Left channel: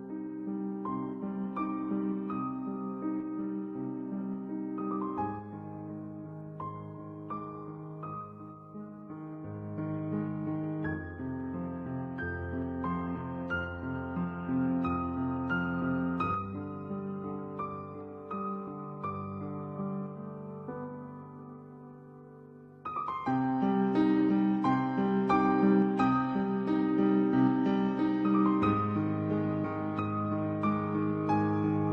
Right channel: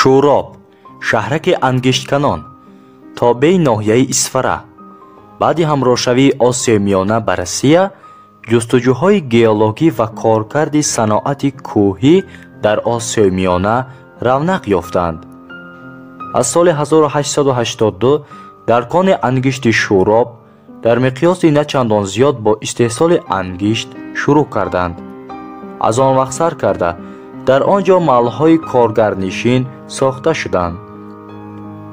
шӯроб шаҳраки ангиштканон тобеи ноҳияи Исфара. баъди ҳамроҳшавии Осиёи Миёна ба Россия, ҷустуҷӯҳои геологӣ ва коркарди саноати кӯҳӣ дар Осиёи Миёна равнақ ёфтанд. аз соли 1882 дар кони ангишти шӯроб дар миқёси начандон зиёд бо истеҳсоли ангишт шурӯъ карданд. аз он вақт сар карда дар он ҷо маҳалҳои коргарнишин сохта шуданд.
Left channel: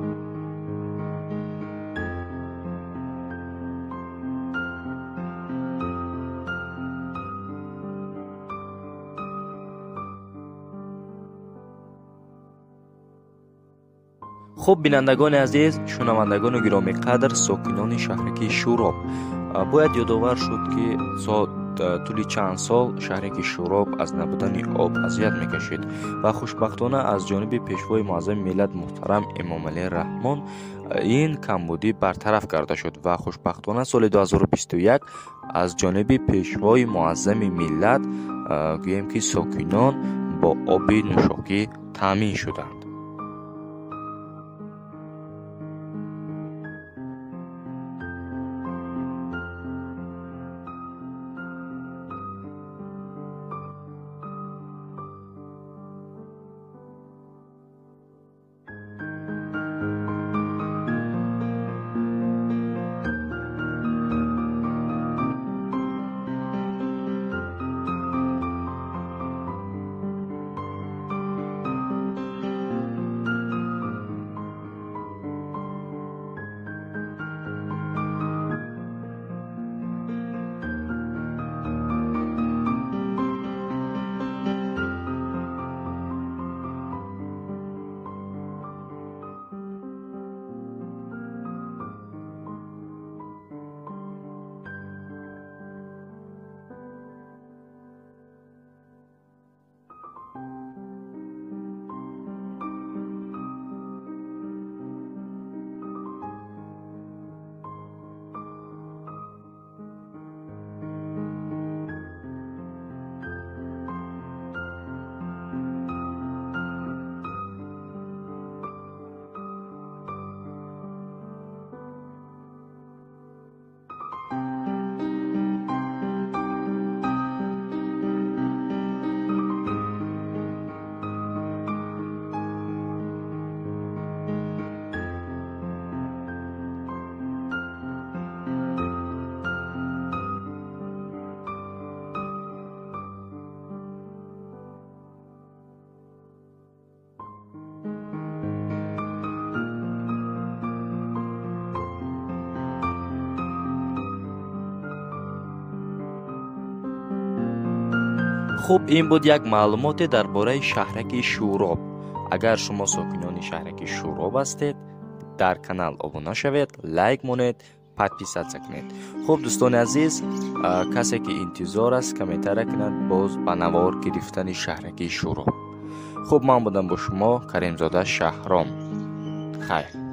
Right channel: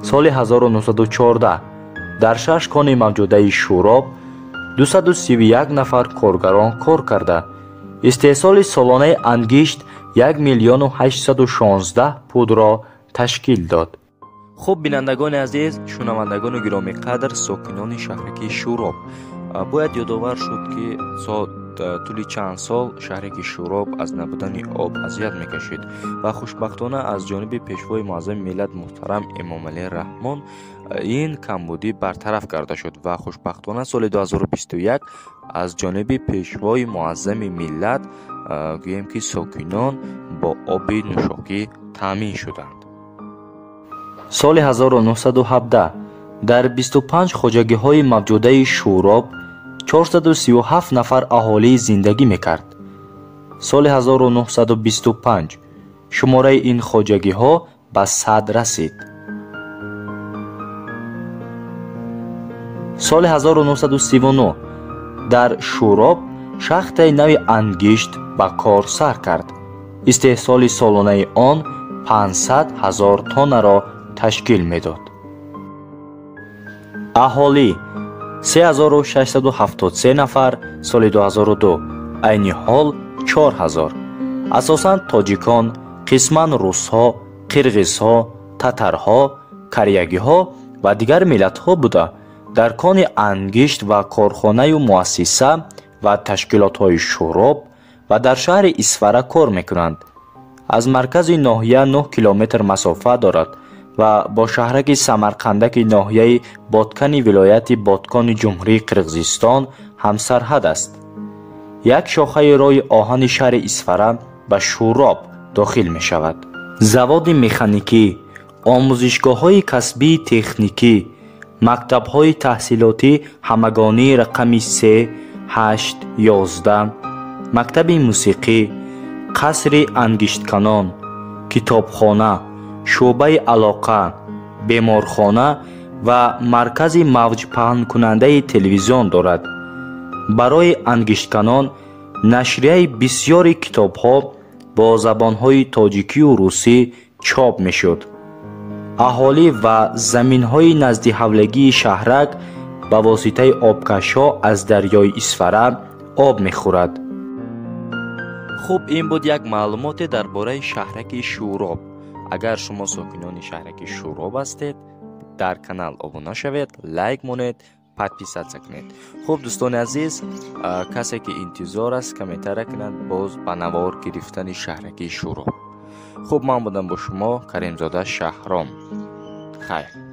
соли 1914 дар 6 кони мавҷудаи шӯроб 231 нафар коргарон кор карда истеҳсоли солонаи ангишт 1 миллиону 816 пудро ташкил дод. хуб бинандагони азиз, шунавандагони гиромиқадр, сокинони шаҳраки шӯроб, бояд ёдовар шуд ки тӯли чанд сол шаҳраки шӯроб аз набудани об азият мекашид ва хушбахтона аз ҷониби пешвои муаззами миллат муҳтарам Эмомалии Раҳмон ин камбудӣ бартараф карда шуд ва хушбахтона соли 2021 аз ҷониби пешвои муаззами миллат гӯем ки сокинон бо оби нӯшокӣ таъмин шуданд. соли 1917 дар 25 хоҷагиҳои мавҷудаи шӯроб 437 нафар аҳолӣ зиндагӣ мекард. соли 1925 шумораи ин хоҷагиҳо ба 100 расид. соли 1939 дар шӯроб шахтаи нави ангишт ба кор сар кард. истеҳсоли солонаи он 500 000 тоннаро ташкил медод. аҳолӣ 3673 нафар соли 2002, айни ҳол 4000. асосан тоҷикон, қисман русҳо, қирғизҳо, татарҳо, кореягиҳо ва дигар миллатҳо буда дар кони ангишт ва корхонаю муассиса ва ташкилотҳои шӯроб ва дар шаҳри Исфара кор мекунанд. аз маркази ноҳия 9 километр масофа дорад ва бо шаҳраки Самарқандаки ноҳияи Боткани вилояти Боткони Ҷумҳурии Қирғизистон ҳамсарҳад аст. як шохаи роҳи оҳани шаҳри Исфара ба шӯроб дохил мешавад. заводи механикӣ, омӯзишгоҳҳои касбии техникӣ, мактабҳои таҳсилотӣ ҳамагонии рақами 3, 8, 11, мактаби мусиқӣ, қасри ангиштканон, китобхона, шӯъбаи алоқа, беморхона ва маркази мавҷпаҳнкунандаи телевизион дорад. барои ангиштканон нашрияи бисёри китобҳо бо забонҳои тоҷикию русӣ чоп мешуд. аҳолӣ ва заминҳои наздиҳавлегии шаҳрак ба воситаи обкашҳо аз дарёи Исфара об мехӯрад. хуб, ин буд як маълумоте дар бораи шаҳраки шӯроб. агар шумо сокинони шаҳраки шӯроб ҳастед, дар канал обуна шавед, лайк монед, подписатсия кунед. хуб дӯстони азиз, касе ки интизор аст комментария кунад боз ба навор гирифтани шаҳраки шӯроб. хуб, ман будам бо шумо Каримзода Шаҳром. хайр.